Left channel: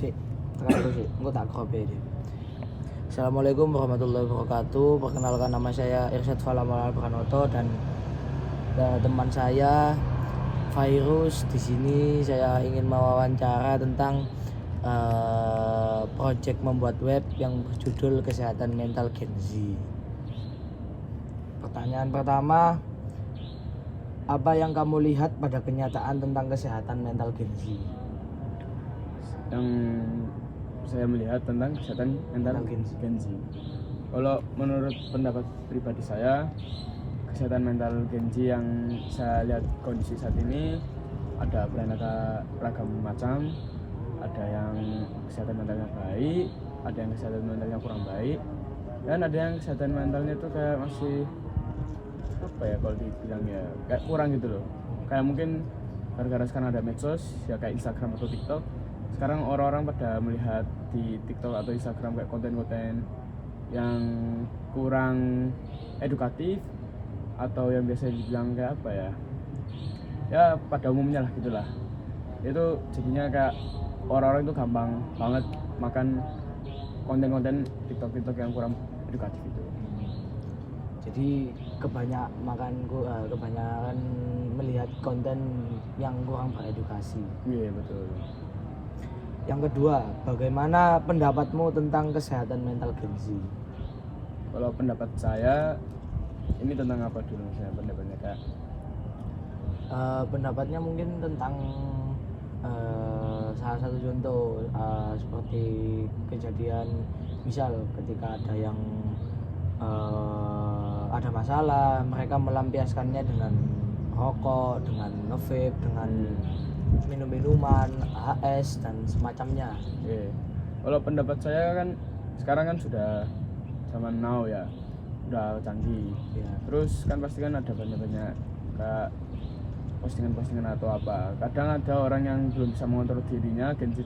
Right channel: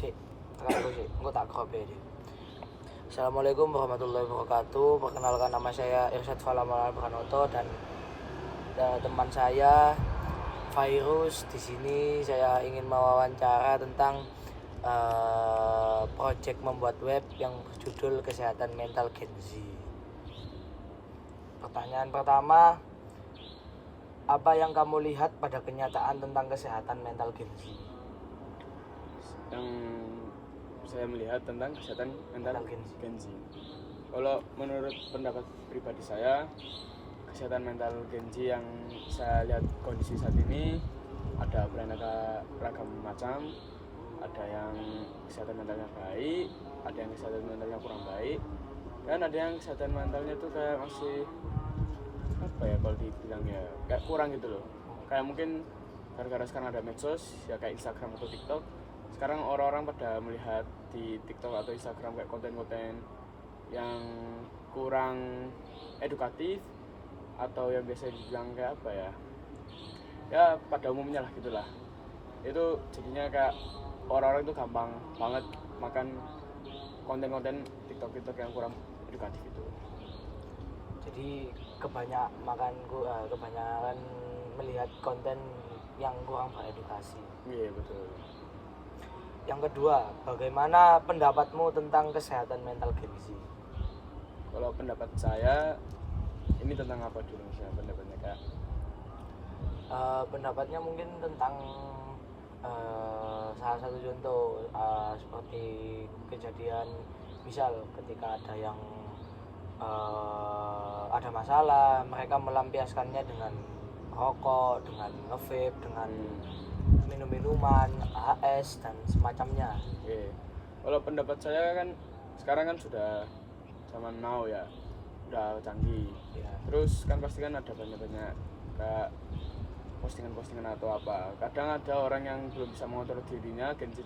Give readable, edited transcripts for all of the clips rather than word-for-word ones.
Cik, tekan aku sih, engko tak crop ya. Assalamualaikum warahmatullahi wabarakatuh. Perkenalkan, nama saya Irsyad Falamal Pranoto dan teman saya Virus. Di sini saya ingin mewawancara tentang project membuat web yang berjudul Kesehatan Mental Gen Z. Pertanyaan pertama, apa yang kamu lihat pada kenyataan tentang kesehatan mental Gen Z? Yang saya melihat tentang kesehatan mental Gen Z. Kalau menurut pendapat pribadi saya, kesehatan mental Gen Z yang saya lihat kondisi saat ini ada beraneka ragam macam. Ada yang kesehatan mentalnya baik, ada yang kesehatan mentalnya kurang baik, dan ada yang kesehatan mentalnya tuh kayak masih apa ya, kalau dibilang ya kayak kurang gitu loh. Kayak mungkin gara-gara sekarang ada medsos ya, kayak Instagram atau TikTok. Sekarang orang-orang pada melihat di TikTok atau Instagram kayak konten-konten yang kurang edukatif, atau yang biasa dibilang kayak apa ya, ya pada umumnya lah gitulah. Itu jadinya kayak orang-orang itu gampang banget makan konten-konten TikTok yang kurang edukatif itu. Jadi kebanyakan melihat konten yang kurang beredukasi. Iya, betul. Yang kedua, bagaimana pendapatmu tentang kesehatan mental Gen Z? Kalau pendapat saya, ini tentang apa dulu misalnya pendapatnya kayak? Pendapatnya mungkin tentang salah satu contoh seperti kejadian, misal ketika ada yang ada masalah, mereka melampiaskannya dengan rokok, dengan nge-vape, dengan minum-minuman, HS dan semacamnya. Kalau pendapat saya kan sekarang kan sudah zaman now ya, udah canggih. Terus kan pasti kan ada banyak kayak postingan-postingan atau apa. Kadang ada orang yang belum bisa mengontrol dirinya, Gen Z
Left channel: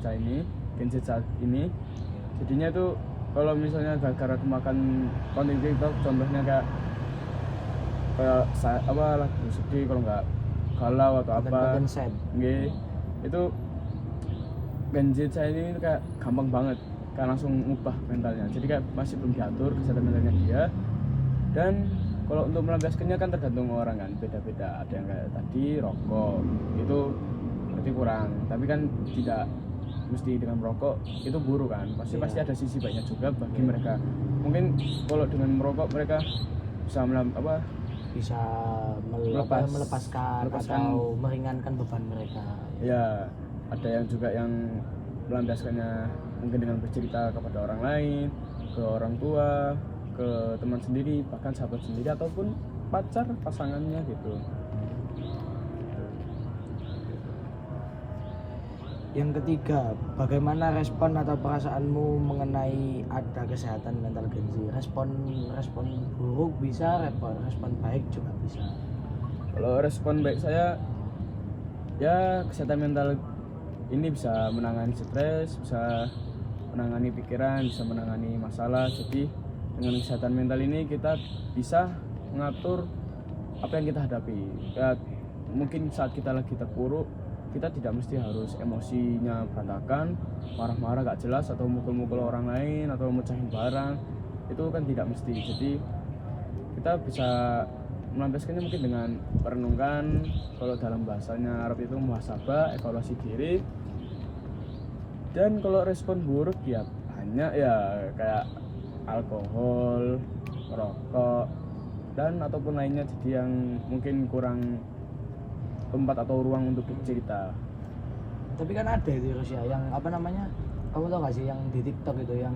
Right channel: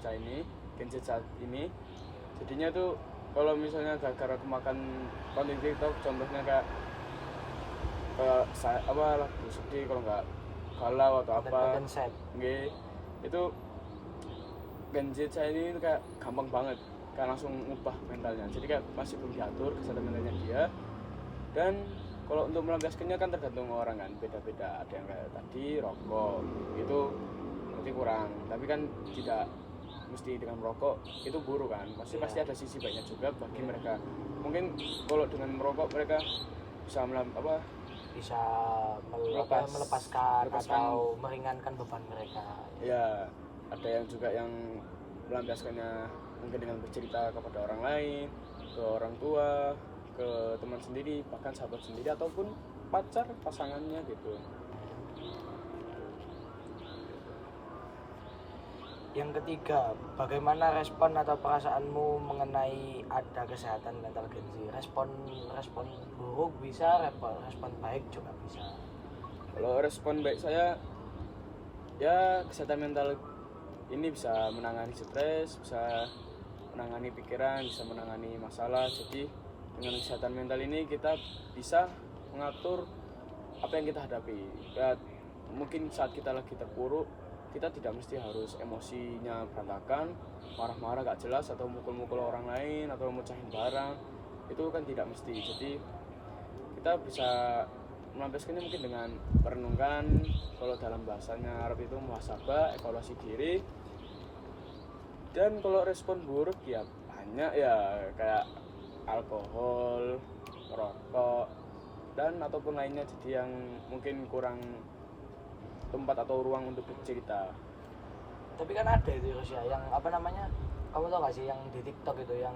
saat ini. Jadinya tuh kalau misalnya gara-gara kemakan konten TikTok, contohnya kayak lagu sedih, kalau nggak galau atau apa, itu Gen Z saya ini kayak gampang banget, kayak langsung ngubah mentalnya. Jadi kayak masih belum diatur kesehatan mentalnya dia. Dan kalau untuk melampiaskannya kan tergantung orang kan, beda-beda. Ada yang kayak tadi rokok, itu berarti kurang. Tapi kan tidak mesti dengan merokok itu buruk kan. Pasti ada sisi baiknya juga bagi mereka. Mungkin kalau dengan merokok mereka bisa melepaskan atau meringankan beban mereka. Ya, ada yang juga yang melampiaskannya mungkin dengan bercerita kepada orang lain, ke orang tua, ke teman sendiri, bahkan sahabat sendiri ataupun pasangannya gitu. Yang ketiga, bagaimana respon atau perasaanmu mengenai ada kesehatan mental Gen Z? Respon buruk bisa, respon baik juga bisa. Kalau respon baik saya, ya kesehatan mental ini bisa menangani stres, bisa menangani pikiran, bisa menangani masalah. Jadi dengan kesehatan mental ini kita bisa mengatur apa yang kita hadapi. Ya, mungkin saat kita lagi terpuruk, kita tidak mesti harus emosinya berantakan, marah-marah gak jelas, atau mukul-mukul orang lain, atau mecahin barang. Itu kan tidak mesti. Jadi kita bisa melampiaskannya mungkin dengan merenungkan, kalau dalam bahasanya Arab itu muhasabah, evaluasi diri. Dan kalau respon buruk ya banyak ya, kayak alkohol, rokok, dan ataupun lainnya, jadi yang mungkin kurang tempat atau ruang untuk bercerita. Tapi kan ada itu Rusia yang apa namanya, kamu tau gak sih yang di TikTok itu yang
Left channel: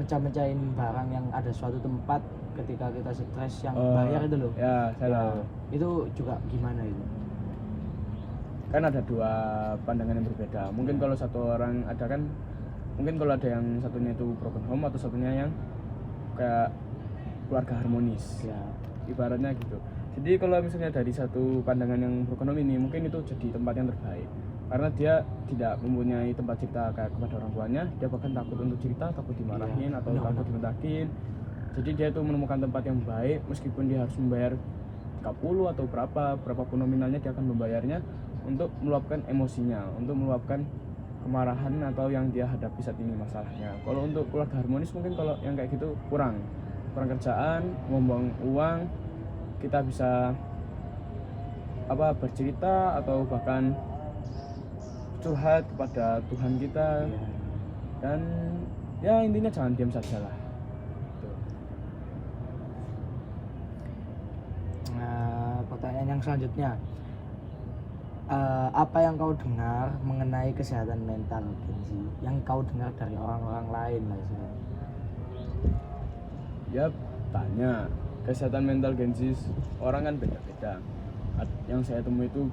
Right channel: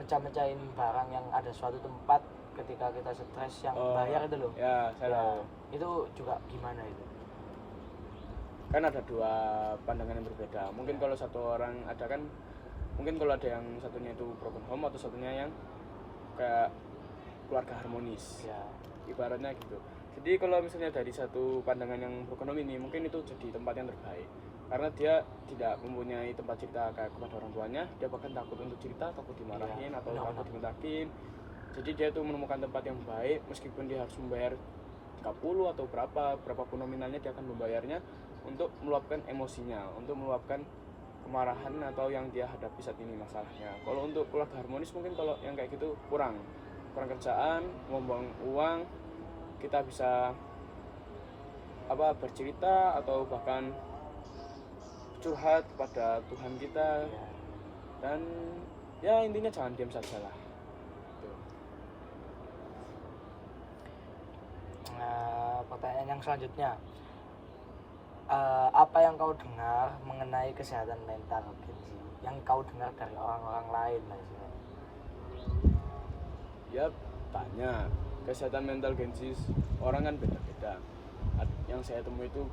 mecah-mecahin barang yang ada suatu tempat ketika kita stres yang bayar itu loh. Ya, saya tahu. Itu juga gimana itu? Kan ada dua pandangan yang berbeda. Mungkin kalau satu orang ada kan, mungkin kalau ada yang satunya itu broken home atau satunya yang kayak keluarga harmonis. Ya. Ibaratnya gitu. Jadi kalau misalnya dari satu pandangan yang broken home ini, mungkin itu jadi tempat yang terbaik. Karena dia tidak mempunyai tempat cerita kayak kepada orang tuanya, dia bahkan takut untuk cerita, takut dimarahin atau takut dimentakin. Jadi dia tuh menemukan tempat yang baik, meskipun dia harus membayar 30 atau berapapun nominalnya, dia akan membayarnya untuk meluapkan emosinya, untuk meluapkan kemarahan atau yang dia hadapi saat ini masalahnya. Kalau untuk keluarga harmonis mungkin kalau yang kayak gitu kurang kerjaan, membuang uang, kita bisa bercerita atau bahkan curhat kepada Tuhan kita. Iya. Dan ya intinya jangan diam saja lah. Nah, pertanyaan yang selanjutnya, apa yang kau dengar mengenai kesehatan mental, Kenzi? Yang kau dengar dari orang-orang lain lah istilahnya. Ya tanya kesehatan mental Gensis, orang kan beda-beda. Yang saya temui itu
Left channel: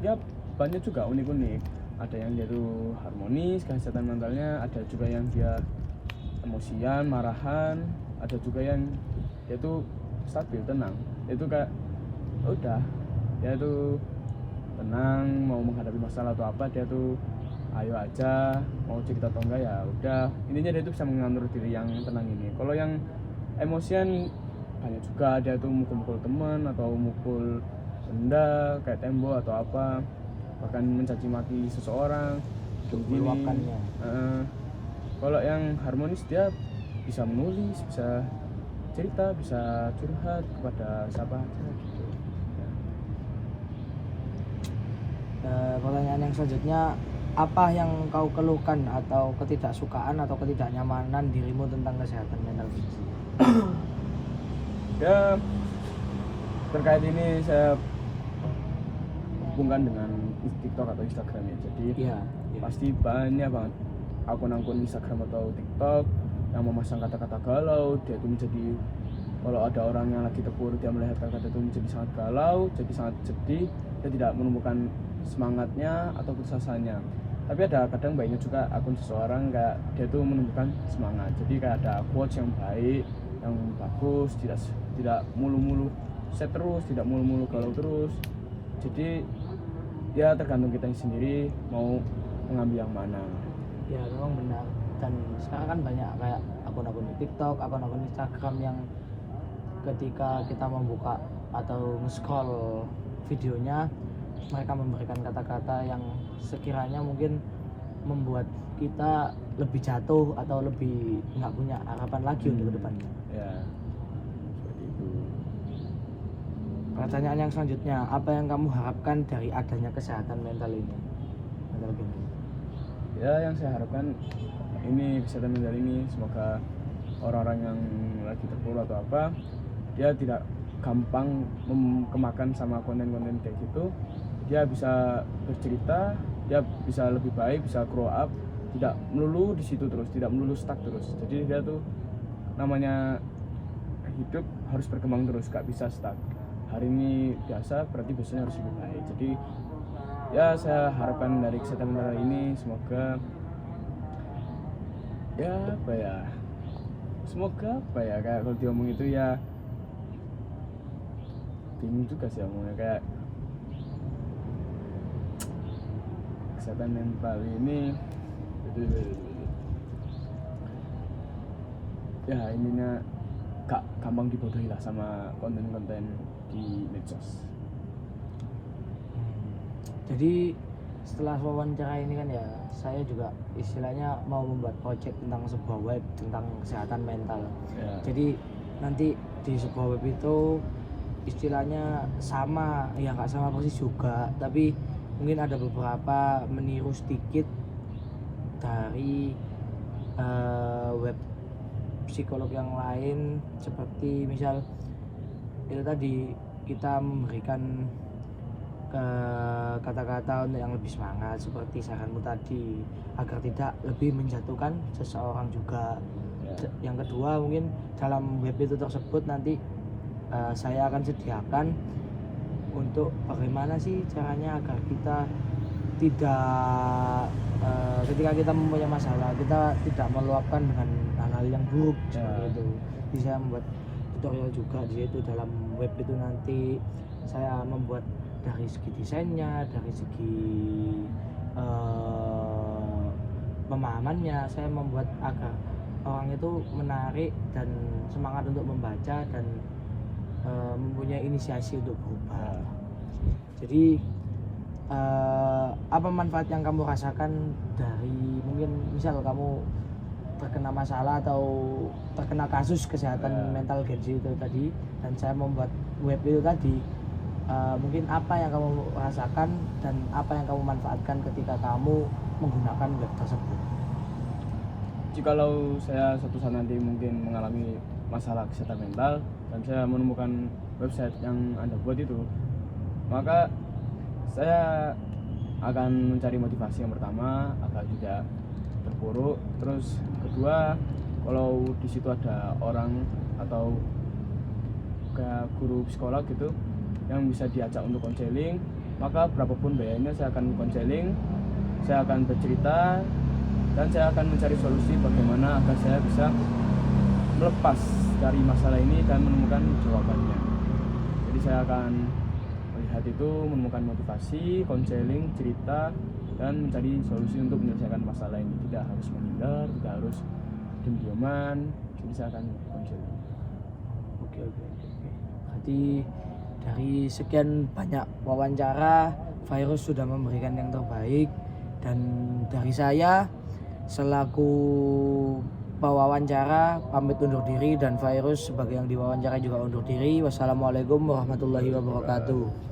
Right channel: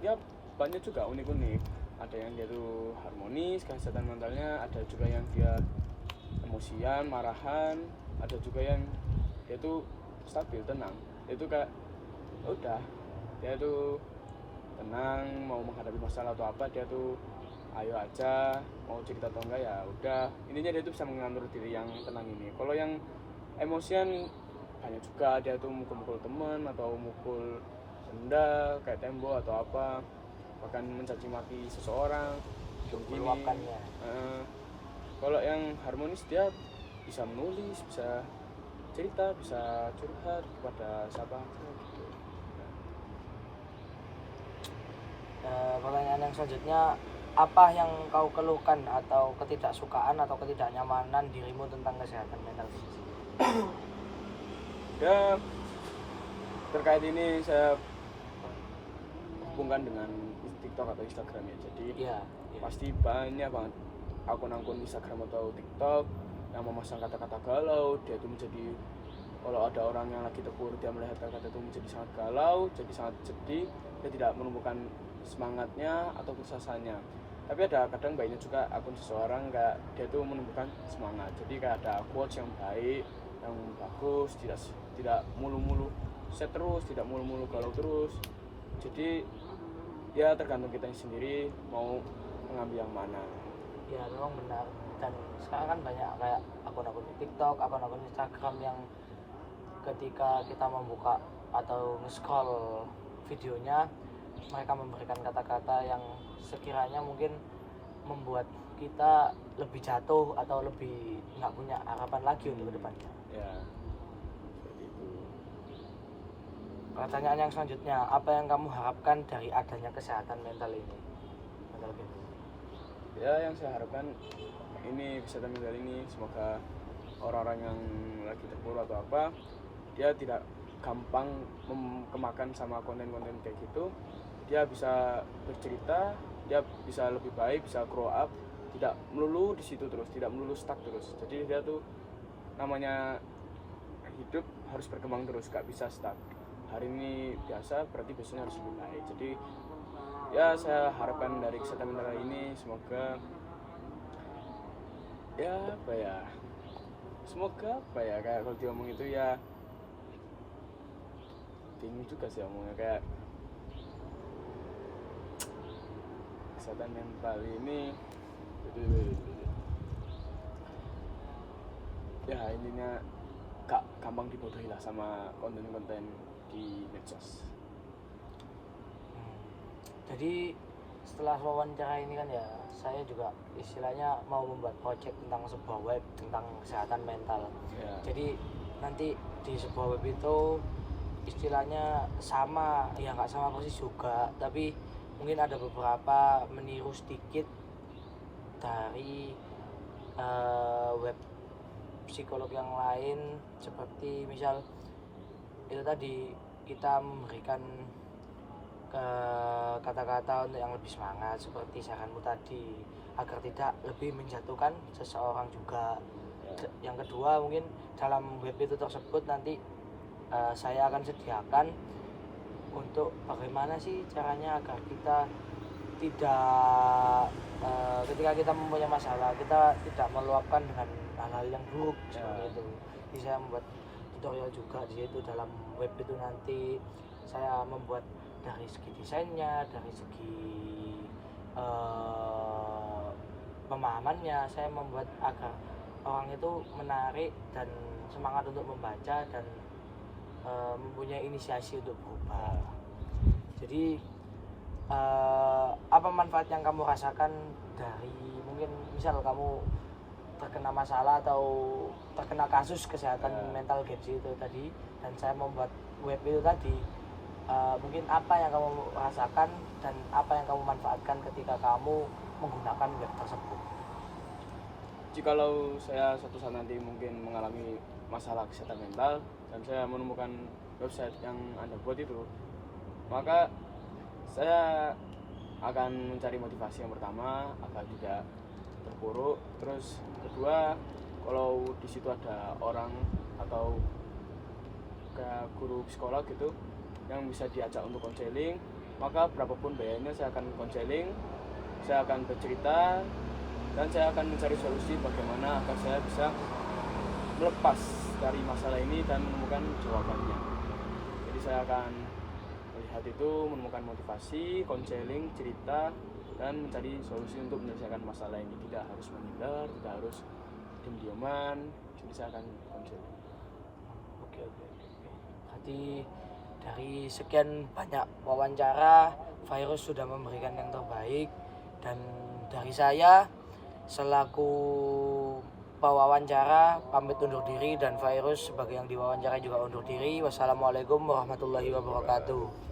ya banyak juga unik-unik. Ada yang dia tuh harmonis kesehatan mentalnya, ada juga yang dia emosian, marahan, ada juga yang dia tuh stabil, tenang. Itu kayak udah dia tuh tenang, mau menghadapi masalah atau apa dia tuh ayo aja, mau cerita atau enggak ya udah, intinya dia tuh bisa mengatur diri yang tenang ini. Kalau yang emosian banyak juga, dia tuh mukul-mukul teman atau mukul benda kayak tembok atau apa, bahkan mencaci maki seseorang Meluapkannya. Kalau yang harmonis dia bisa menulis, bisa cerita, bisa curhat kepada siapa. Pertanyaan yang selanjutnya, apa yang kau keluhkan atau ketidaksukaan atau ketidaknyamanan dirimu tentang kesehatan mental, Kenzi? Ya terkait ini saya hubungkan dengan TikTok atau Instagram ya. Jadi Iya. pasti banyak banget akun-akun Instagram atau TikTok yang memasang kata-kata galau. Dia itu menjadi, kalau ada orang yang lagi terpuruk, dia melihat kata-kata itu menjadi sangat galau, jadi sangat sedih, dia tidak menemukan semangatnya atau putusasanya. Tapi ada kadang baiknya juga akun seseorang kayak dia tuh menumbuhkan semangat. Jadi kayak ada quotes yang baik, yang bagus, tidak mulu-mulu set terus, tidak mulu-mulu galau terus. Jadi ya tergantung kita sendiri mau mengambil yang mana. Ya memang benar, dan sekarang kan banyak kayak akun-akun di TikTok, akun-akun Instagram yang ketika kita membuka atau nge-scroll videonya, mereka memberikan kata-kata yang sekiranya mungkin membuat kita lebih jatuh atau lebih nggak punya harapan lagi untuk kedepannya. Ya seperti itu. Pertanyaan yang selanjutnya, apa yang kamu harapkan dari adanya kesehatan mental ini? Mental gini. Ya yang saya harapkan ini kesehatan mental ini, semoga orang-orang yang lagi terpuruk atau apa, dia tidak gampang kemakan sama konten-konten kayak gitu. Dia bisa bercerita, dia bisa lebih baik, bisa grow up, tidak melulu di situ terus, tidak melulu stuck terus. Jadi dia tuh namanya hidup harus berkembang terus, gak bisa stuck. Hari ini biasa, berarti besoknya harus lebih baik. Jadi ya saya harapkan dari kesehatan mental ini semoga kayak kalau diomong itu ya bingung juga sih omongnya, kayak kesehatan mental ini ya ininya gak gampang dibodohi lah sama konten-konten di medsos. Jadi setelah wawancara ini kan ya, saya juga istilahnya mau membuat project tentang sebuah web tentang kesehatan mental. Ya. Jadi nanti di sebuah web itu istilahnya sama, ya nggak sama persis juga, tapi mungkin ada beberapa meniru sedikit dari web psikolog yang lain, seperti misal itu tadi kita memberikan kata-kata untuk yang lebih semangat seperti saranmu tadi, agar tidak lebih menjatuhkan seseorang juga. Yang kedua, mungkin dalam web itu tersebut nanti saya akan sediakan untuk bagaimana sih caranya agar kita tidak ketika kita mempunyai masalah, kita tidak meluapkan dengan hal-hal yang buruk seperti itu. Jadi saya membuat tutorial juga di situ. Dalam web itu nanti saya membuat dari segi desainnya, dari segi pemahamannya, saya membuat agar orang itu menarik dan semangat untuk membaca dan mempunyai inisiasi untuk berubah. Jadi apa manfaat yang kamu rasakan dari mungkin misal kamu terkena masalah atau terkena kasus kesehatan mental Genji itu tadi, dan saya membuat web itu tadi, mungkin apa yang kamu rasakan dan apa yang kamu manfaatkan ketika kamu menggunakan web tersebut? Jikalau saya suatu saat nanti mungkin mengalami masalah kesehatan mental dan saya menemukan website yang Anda buat itu, maka saya akan mencari motivasi yang pertama agar tidak terpuruk. Terus kedua, kalau di situ ada orang atau kayak guru psikolog gitu yang bisa diajak untuk konseling, maka berapapun bayarnya saya akan konseling, saya akan bercerita, dan saya akan mencari solusi bagaimana agar saya bisa melepas dari masalah ini dan menemukan jawabannya. Jadi saya akan melihat itu, menemukan motivasi, konseling, cerita, dan mencari solusi untuk menyelesaikan masalah ini. Tidak harus menghindar, tidak harus diam-diaman, jadi saya akan konseling. Oke. Berarti dari sekian banyak wawancara, Virus sudah memberikan yang terbaik, dan dari saya selaku pewawancara pamit undur diri, dan Virus sebagai yang diwawancara juga undur diri. Wassalamualaikum warahmatullahi wabarakatuh.